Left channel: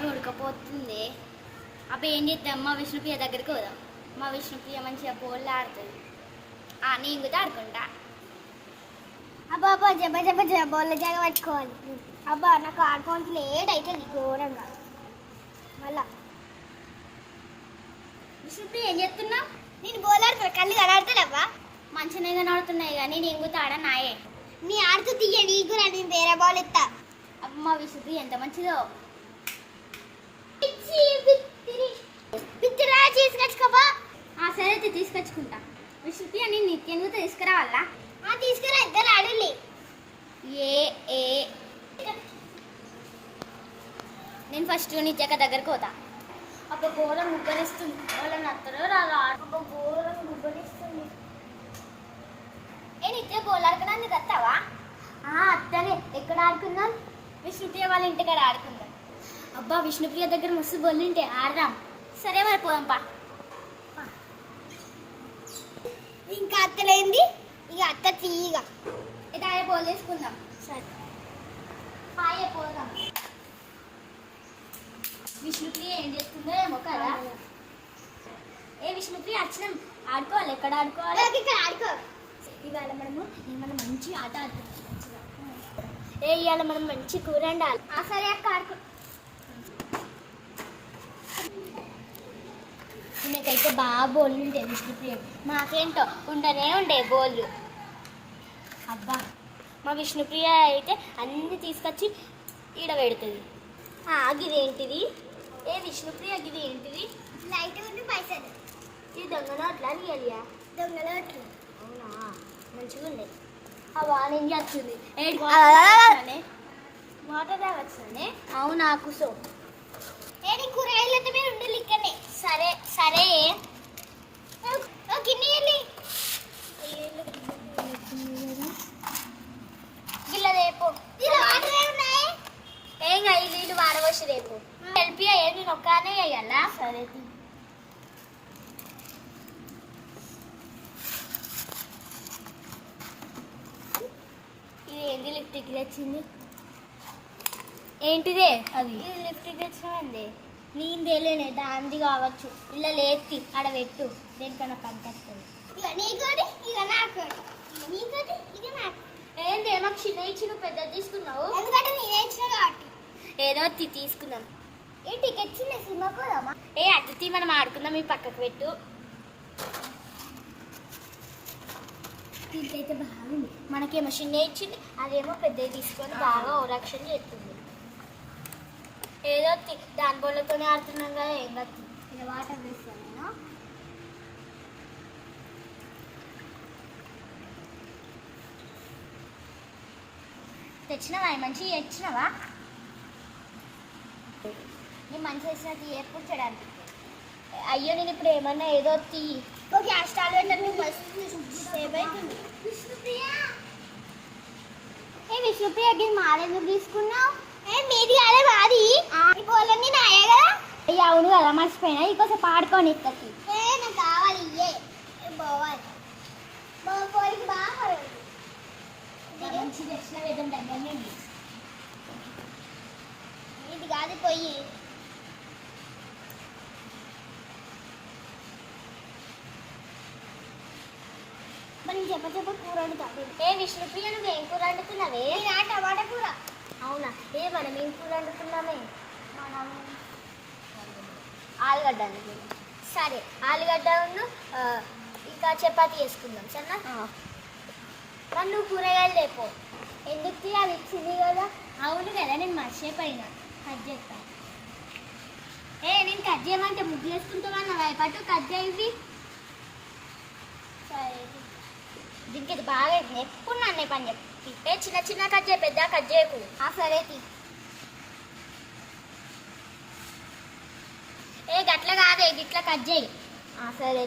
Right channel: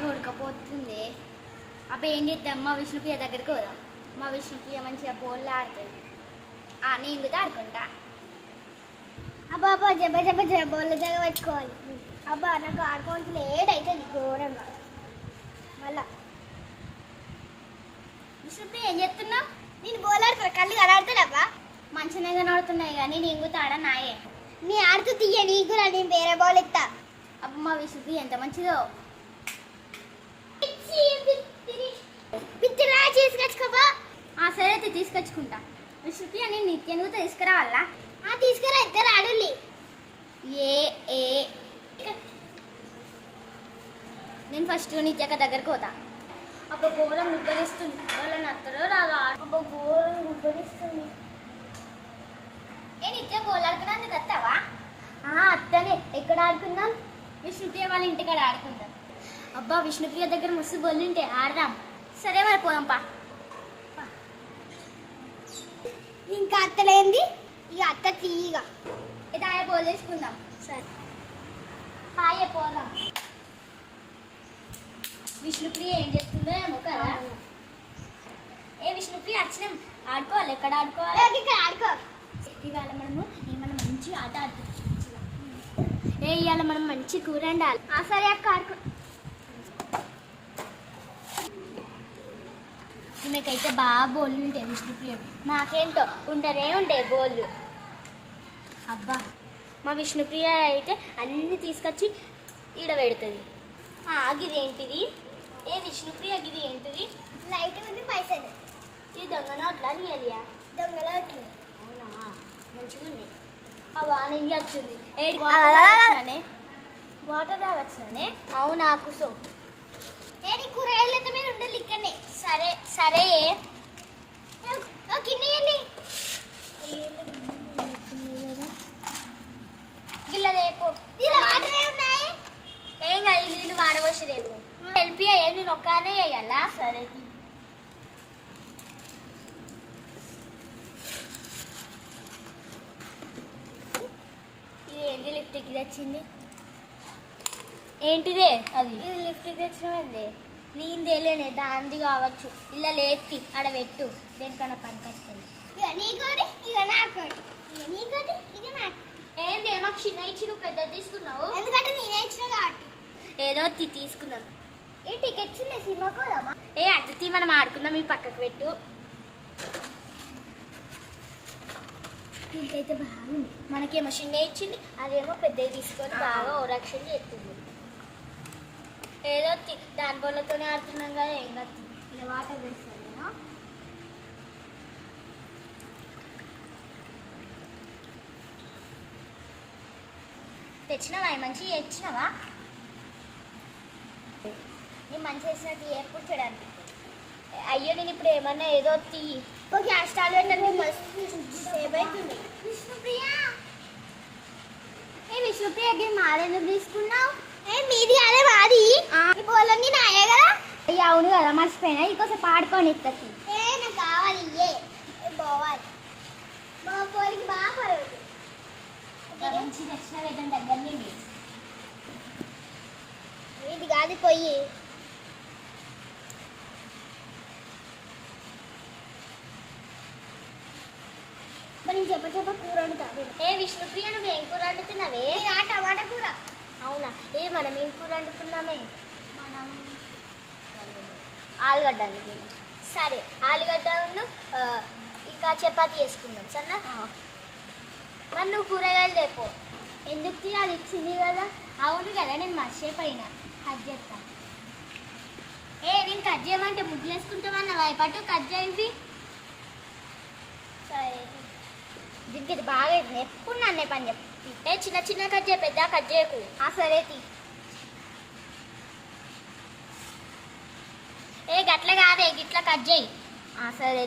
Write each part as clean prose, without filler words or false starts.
బాగా ఉడకపోతుంది. అప్పుడు ఏం చేద్దాం, మా విష్ణుప్రియ దగ్గరికి పోదాం. మా విష్ణుప్రియ మంచిగా పోళ్ళు ఆడుతుంది. నేను కూడా ఆడుకుంటా. అబ్బా అబ్బా జబ్బ జబ్బ జబ్బ బోళ్ళ జాగ పట్టుకోవాలి. అబ్బా నాకు ఆడుకోవాల్సి లేట్ అవుతుంది ఘోరంగా. మళ్ళా విష్ణుప్రియ ఏం చేస్తున్నావు? నేను బోలాడుతున్నా, కళ్ళు కలాడుతున్నావా? మంచిగా కనబడుతున్నాయి కానీ నేను కూడా ఆడనాయే. నీ ఆడుతూ తీయ, నీకు నేను వేరే బాల్ ఎత్తా. అమ్మ విష్ణుప్రియ ఎంత మంచిదో. పిచ్చిరా తీసుకొచ్చుకోవా? సరే తీసుకొచ్చుకుంటా. విష్ణుప్రియ నేను నిత్యం కూడా తీసుకురావాలా? తీసుకురా, ఇద్దరు ఆడులే. నేను ఫస్ట్ నిత్యక దగ్గరకు పోతా. అబ్బా ఘోరం ముగ్గరిస్తుంది. వాళ్ళని అత్తరో రాగా. అబ్బా ఘోరం ముగ్గరిస్తుంది. నిత్య బోలాడుకోవడానికి వస్తావా? అత్తనే. ఎక్కడ ఆడుకుందాం? విష్ణుప్రియ వాళ్ళ ఇంటికాడ ఆడుకుందాం. అబ్బా విష్ణుప్రియ దగ్గర మస్తు బొల్లుంటే ఆడదాం. సరే మరి పోదాంపా. ఇంకా అత్తలేంది, ఇక అత్త తీయగా ఇదాయ బోల్ వేసుకుందాం. సరే హాయే పోదాం. విష్ణుప్రియ ఏం చేస్తుందో ఏమో కదా. విష్ణుప్రియ వచ్చినాం, ఆడుకోవాలి. ఎక్కడ ఆడుకోవాలి? ఇక్కడ ఆడుకో. ఇవాళ మనము ఏమన్నా మంచి ఆట ఆడుతున్నాం. ఇవాళ మనం మంచి కూర వండాలి. సరే అక్క ఆడుకో. మీకైతే బాగా బోళ్ళు ఉంటాయి విష్ణుప్రియ. మాకేంటో ఉండనే ఉండే బోళ్ళు. అబ్బా మా విష్ణుప్రియ అయితే అన్ని తీసుకొచ్చి ఈడ పెడుతుంది. గిదేంటిది? విష్ణుప్రియ గిది ఏంటిది? లైట్ ఉంది, పైసలు. ఇది దొంగ నోట్లా రియలియా? దొంగలో వచ్చింది. అవునా, మంచిగా ఉంది. నేను వచ్చింది వాటర్ తాగొచ్చానే. అవునా కుసో. కూరగాయలతో మీరు ఉండాలి ఇక్కడనే. సరే సరే. గిన్నె గిల్ల రేపు ఏం కాదు, నీళ్ళు వాడవచ్చు రేపు. హెల్ప్ అయ్యేది ఒక్కనే వేయాలా? సరే ఏంది లిఫ్ట్కి తెచ్చింది? ఏంటిదే అది? ఇది లిఫ్ట్కి తెచ్చినది. నేను తెలియనే, దాంది కావచ్చు. ఇలా లేపి ఆడ పెట్టు, దేనికన్నా పనికొస్తుంది. ఏంటి మాకు చిన్న ఇచ్చి నువ్వు పెద్ద తీసుకున్నావు? ఎందుకంటే నేనే ఇచ్చిన కాబట్టి. ఏదో తీసుకుందాం. టికెట్స్ సినిమాకు పోదామా? అతిథి మనం ఆడుకుందాం. ఈ పక్కకు పెట్టు. దీనికైతే బాగుంది. మనకేమో చిన్న ఇచ్చింది, అదేమో పెద్దవి తీసుకొని బాగా ఓరక్షణ చేస్తుంది. ఏదో దాని బొల్లతోనే ఆడుతున్నాం కదా, ఏం కాదు. ఇలా వాటర్ వేస్తాను నేను. తెచ్చినావా? మంచిగా తెచ్చినావా? నేను మంచి వేసినట్టు ఎప్పుడు చేయడానికి. అయ్యో నేను ఇప్పుడు ఏమన్నా ఏదో గ్యాస్ స్టాల్ పెట్టినట్టు మస్తు సేవ్ అవుతుంది. విష్ణుప్రియ ఇది మాదెందుకు తీసుకున్నావు? మీది అదే మాది. ఈ బోలన్నీ నాయే కదా. అవును కదా, మర్చిపోయినా. ఇంకోసం పాడుకొని ఇస్తుంది. నాకు కావాలి. పోవాలి పోలికి బాగా పర్వాలేదు. మంచి తెచ్చిన వేదం దగ్గరనే ఇది కాదు పొయ్యి. మనం చెప్ప కూర వండుతాం. విష్ణుప్రియ నువ్వు ఏం కూర వండుతున్నావే? టమాటా కూర. అవునా, మనం ఏం కూర వండుతున్నామే? మనం ఆలుగడ్డ అనుకున్నాం. సరే ఆలుగడ్డ ఇంకా చపాతీ వేసుకుందాం. సన్నా మరి నువ్వు కూరగాయలు లేపో. ఎందుకు? అది ఇచ్చింది కదా. అవును కదా, నేను మర్చిపోయినా. కట్ చేస్తాను. నేను కట్ చేయమంటే ముగ్గు చేసుకుంటామన్నా భయపట్టు. కట్ చేయండి. సరే దీనికి ఇది బాగా ఎప్పుడు నన్నే పని చెప్పి చిన్న చిన్న కట్ చేయ, పెద్ద కట్ చేయకు. సరే గట్ల కాదే, గిట్లా కట్ చేయి. సరే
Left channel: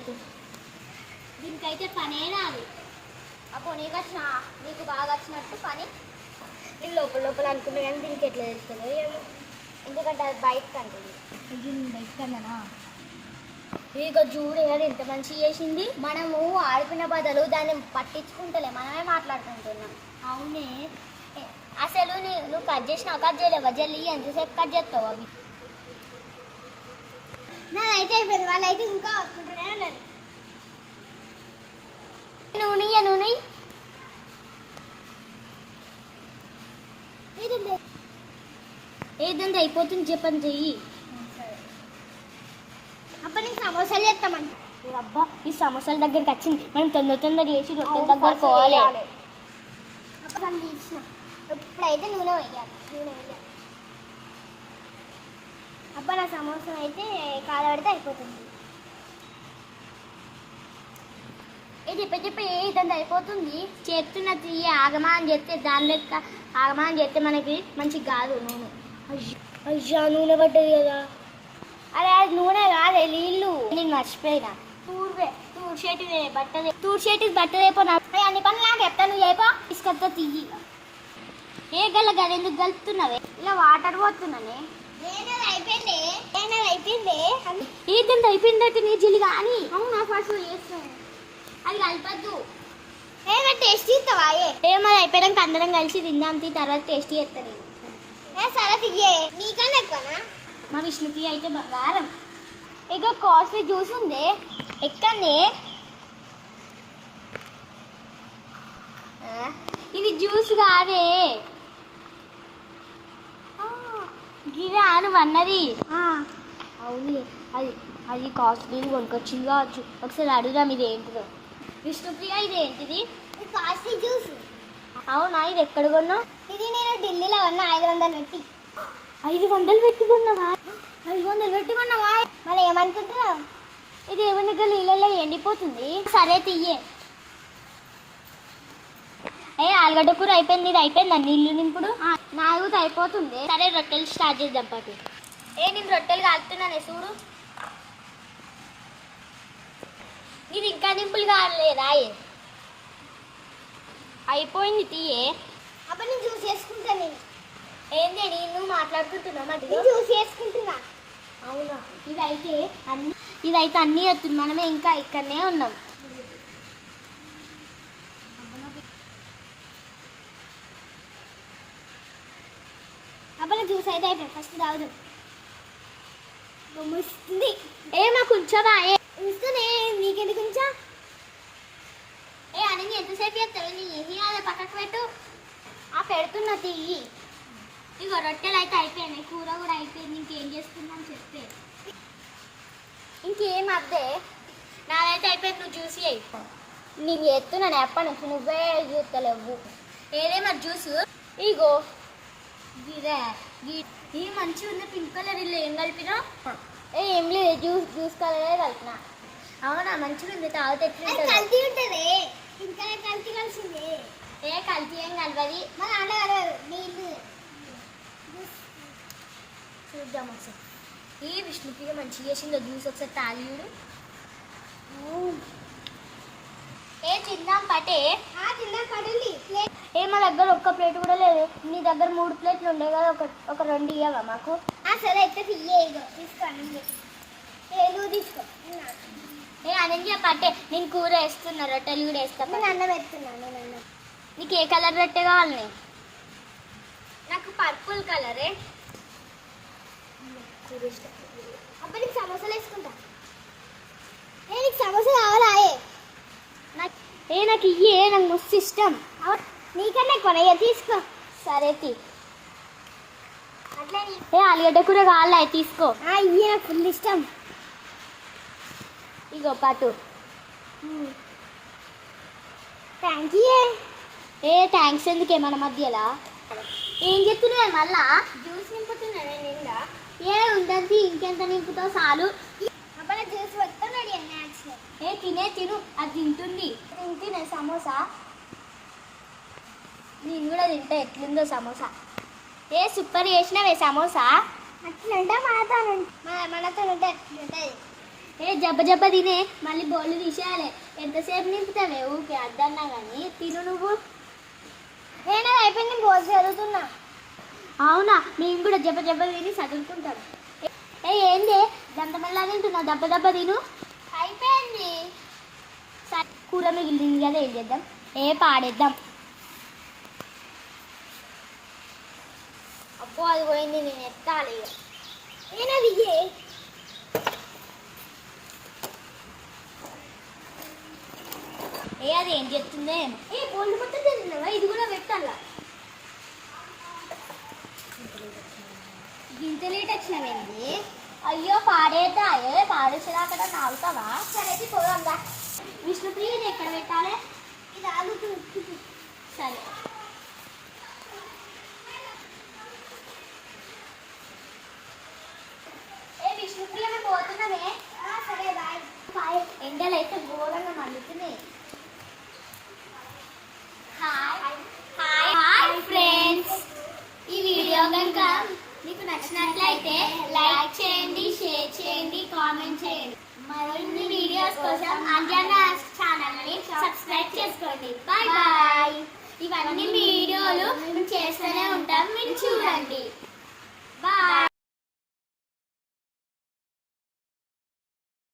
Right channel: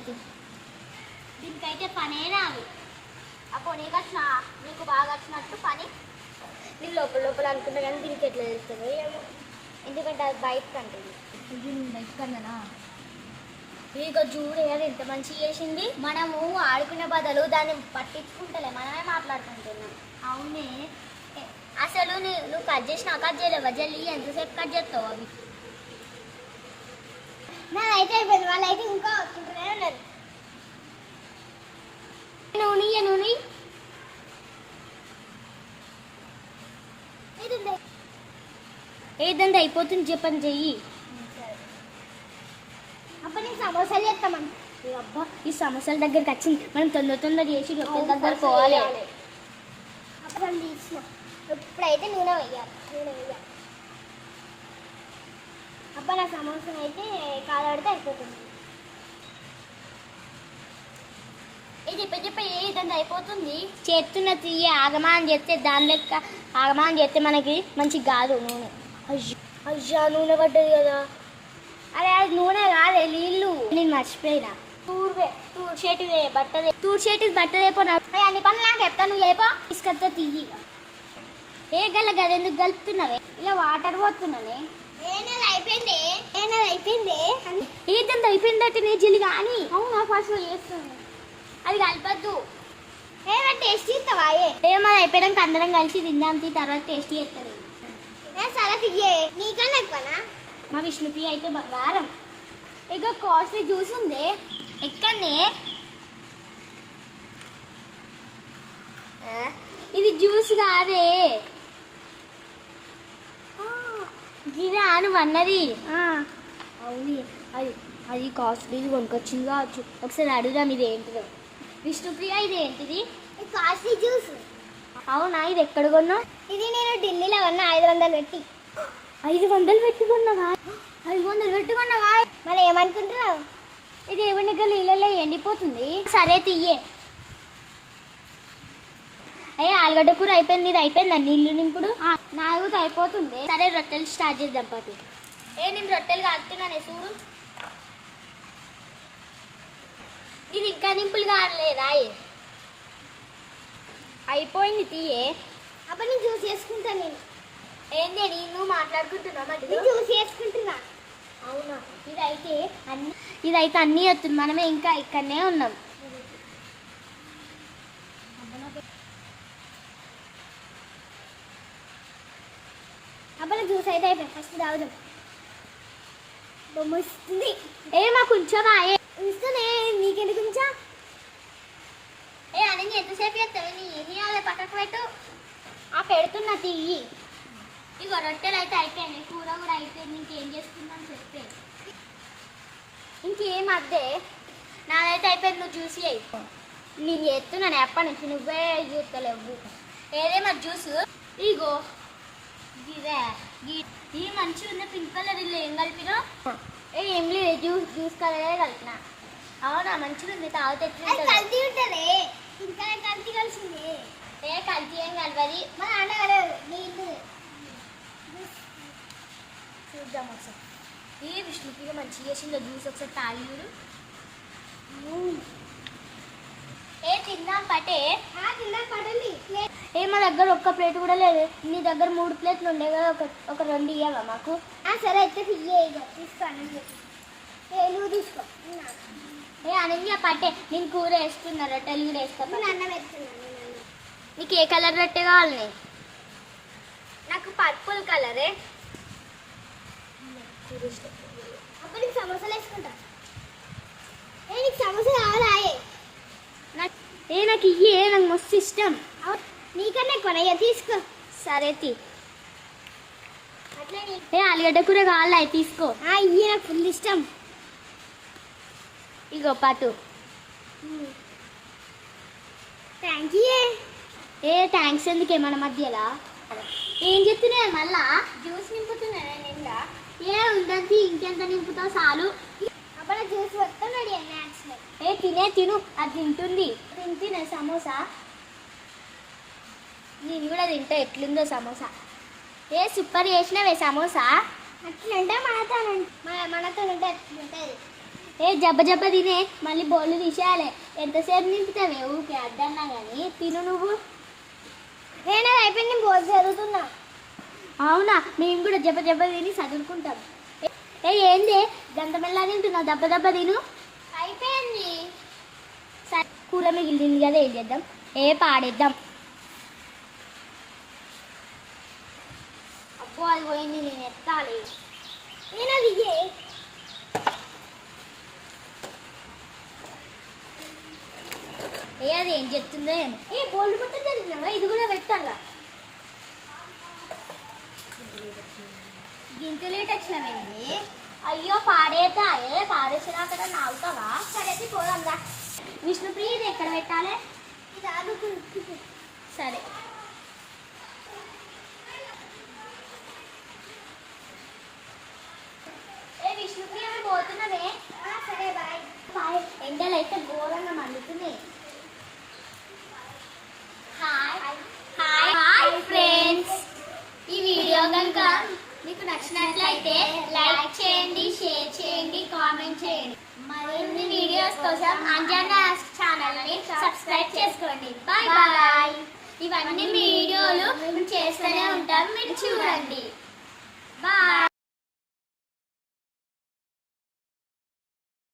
దీనికైతే పనే రాదు. అప్పుడు నీకు బాగా వచ్చినట్టు పని నేను లోపల అనుకున్నా, కానీ దీనికి ఎట్లా తెలుస్తుందో ఏమో. ఎందుకంటే అది బయటకు అంటుంది. ఇది బయటకు అన్నానా? ఇక చూడు అది ఎంత మంచిగా చేసింది. మనము ఆడుకునే బదులు దాన్ని పట్టించుకుంటలే, మనమే మాట్లాడుకుంటున్నాం. అవునే. అసలు నువ్వు కట్ చేసినా కట్ చేయలేవా? జల్లి ఎంతసేపు కట్ చేస్తావు? అవి నాదైతే అయిపోయింది, వాళ్ళైతే ఇంకా వస్తుంటూనే ఉన్నారు. నూనె ఏదంటే అయిపోతుంది చెప్పని చెయ్యి. అప్పుడు నేను సమోసాలు చేస్తామంట. అబ్బా ఈ సమోసాల దగ్గరికి వచ్చింది, మనం తొందర చేసి రొట్టెల దగ్గర పోవాలి. అప్పుడు వాళ్ళు తీసిన ఎప్పుడైతే నూనె వేయాలి. అబ్బా నా సమోసా అయితే కాలబడితే అయిపోతుంది. చెప్పే ఏదంటే అయిపోతుంది. చేస్తున్న తీయ ఆగమా అని చెప్తే దాని లెక్క ఆగమా అని చెప్తే మనకి మంచి కాదు. నూనె అయ్యా నూనె పడ్డది కదా. అరే అది నూనె కాదే, నీళ్ళు. నేను మర్చిపోయినా. బట్టలు తూర్చేటి బట్టలేపో. అన్ని పనులు నాకు చెప్తా, నువ్వు చేయపో. తీసుకొస్తా తీయి. ఏ గల్ల గది ఎందుకు కలుపుతున్నావే? ఇలా వాటర్ పోతున్నానే. అయిపోయింది ఏదంటే అయిపోయిందంటే నీ జిల్లి కానీ. అవునా ఫస్ట్ చేస్తాను. అది కలపద్దు. ఏమైనా టేస్ట్ ఇస్తావా? ఏమది అయిపోయాక అందరం కలిసి తిందాం, తర్వాత టేస్ట్ చేస్తాను. సరే తియ్యే, నీకన్నా ఎక్కువనా? మా విష్ణుప్రియ అయితే బంగారం. ఇక కాస్ట్లీ జ్యూస్ ఉంది ఎక్కడనే. ఇది జ్యూస్ కాదే, గిరా అని అన్నది. అవును అది అది కాస్ట్లీ కొనుకొచ్చింది కావచ్చు. ఒకసారి అడుగుదాం ఇది ఏంటిదో. విష్ణుప్రియ ఇది ఏంటిది? Costly juice. అవునా, ఇది ఎక్కడ కొన్నావు? ఇది నేను ఢిల్లీలో కొన్నా 500 పెట్టి. 500 పెట్టుకున్నావా? 500 పెట్టుకున్నావా? మళ్ళీ ఏమనుకుంటున్నావు? ఇది ఏమన్నా నీళ్ళలో ఎండిపోతుంది. సరే తీయే. ఆలుగడ్డ కూర అయిపోయింది. ఇది అయిపోయిందా నీళ్ళు నింపుడు? నాలుగు అయిపోతుంది. సరే రొట్టెలు స్టార్ట్ చేద్దాం పాటి. నేను రొట్టెలు కాలుతున్నానే చూడు. ఇది ఇంకా నింపులు కాలేదా? అయిపోయింది తీయే. అప్పుడు నేను జ్యూస్ చేసుకుంటా. నేను ఏంటి నువ్వు మాట్లాడుకుంటున్నా? జ్యూస్ చేసుకుంటున్నా. అవునా, ఇదైతే అన్నీ వస్తుంది. మనమే ఇంకా ఇక్కడనే ఉన్నాం. అప్పుడు జ్యూస్ అయితే అయిపోయింది. ఫస్ట్ తాగుదాం. వస్తుంది. మాకు ఉంచవా? ఇస్తూనే, నీకెందుకు ఉంచా? అని ఎంతసేపు చేస్తావు? నీ ఏమి అదే పక్కకు పెట్టు. పెడుతున్నా తీయి. ఇగో రొట్టెలు అయితే అయిపోయినాయి, కూర కూడా అయిపోయింది. ఇంకేం చేసుకుందాం చెప్తే. ఇంకేం అద్దే, నాదైతే అయిపోయింది. నువ్వు జ్యూస్ అయిపో. నీకు చేస్తున్నాను ఎప్పటి నుంచి, నువ్వే చూస్తలేవు. ఏదేమో జ్యూస్ ఇగో గిదే. ఇది మంచిగా ఉంది పింక్ కలర్. ఇల్లు ఏం కలిపినా? ఏం లేదు, జ్యూస్ కలరే కలిపిన. అవునా, మంచిగా ఉంది. తాగితే కల్తీ ఉంటుంది. ఇంకా కల్తీ కలిసింది. కల్తీ ఏం కలవది. మన అంటే కలవదు నీళ్ళు. చూద్దాం ఒకసారి. ఈ విష్ణుప్రియ మంచిగా చేసిందో జ్యూస్, ఒకసారి తాగి చూడు. తిందాం పటే. తిందాం పడండి. మా దగ్గర ఒక్క ప్లేట్ కూడా లేదు. నీ దగ్గర 3 ప్లేట్లు ఉండే కదా, ఒక 2 ఇవ్వవా మాకు? సరే అయితే తీయే. ఇగో తీసుకో. నువ్వు తీసుకో. అనన్య పట్టే, నేను కూర వేస్తున్నా, రొట్టెలు కూడా వేస్తా. నేను అన్నం వేస్తున్నాను. నీకు ఏ కలర్ రొట్టె కావాలి? నాకు పర్పుల్ కలరే. అప్పుడు నీకు సమోసాలు వేసుకుంటా. నీకు సమోసా కావాలా? నాకు ఇయ్యే, నాకు మస్తు ఇష్టం. నీకన్నా ఎక్కువ తీసుకో. సరే తీ. ఆలుగడ్డ కూర కావాలా? తీసుకో. ఇయ్యే, నాకు ఫుల్ ఇష్టం. ఇగో పాతు. Thank you. థ్యాంక్స్ ఎందుకే మన మధ్యలో? ఏం చెప్తున్నాయి మళ్ళా? జ్యూస్ నింపుతున్నా నిండా. ఉండద్ది, ఇంకెంత నింపుతావు చాలు. అప్పుడు జ్యూస్ వస్తున్నాడు. తిను, అది తింటుంది. తింటున్నా సమోసా. నేను కూడా తింటా. ఎట్లుందో సమోసా? సూపర్ చేసినావే సమోసా. అట్లుంటే మనతో ఉంటే అట్లుంటుంది. జబ్బ తినే, మళ్ళీ బోళ్ళు తీసేయాలి. ఎంతసేపు నింపుతావే ఊరికే అద్దన్నా కానీ. తిను నువ్వు. నేను అయిపోయింది, బోల్ చదువుతున్నా. అవునా, మేము కూడా జబ్బ తిని చదువుకుంటాం. ఏంది దంతమెల్లా తింటున్నావు? దెబ్బ తిను. అయిపోయింది. సరే, కూర మిగిలింది కదా, ఏం చేద్దాం? పాడేద్దాం. అబ్బో అది పోయింది, నేను ఎత్తాలి. నేను అది అది ఏం చెప్తుందో ఏమో. బోల్డ్ మొత్తం తెలియదు, ఇది కూడా పెట్టాలా. ఇంత లేట్ వచ్చినావేంటి? అయ్యో పాడేతాయే, పాడేసేదాకా నాలుతావా? సరే పోదాంరా. విష్ణుప్రియ ఇది ఎక్కడ పెట్టాలి? ఇది ఆలుతుంది. సరే విష్ణుప్రియ పోతున్నావే? సరే బాయ్ బాయ్. ఎండలు అయితే ఘోరంగా మండుతున్నాయి. హాయ్ హాయ్ ఫ్రెండ్స్, ఈ వీడియో కనుక మీకు నచ్చినట్లయితే లైక్ చేయండి, షేర్ చేయండి, కామెంట్ చేయండి. మరిన్ని వీడియోస్ కోసం అంజనా ఛానల్ని సబ్స్క్రైబ్ చేసుకోండి. Bye bye. ఇవన్నీ వీడియోలు మేము చేస్తూనే ఉంటాం, మీరు చూడండి. బాయ్.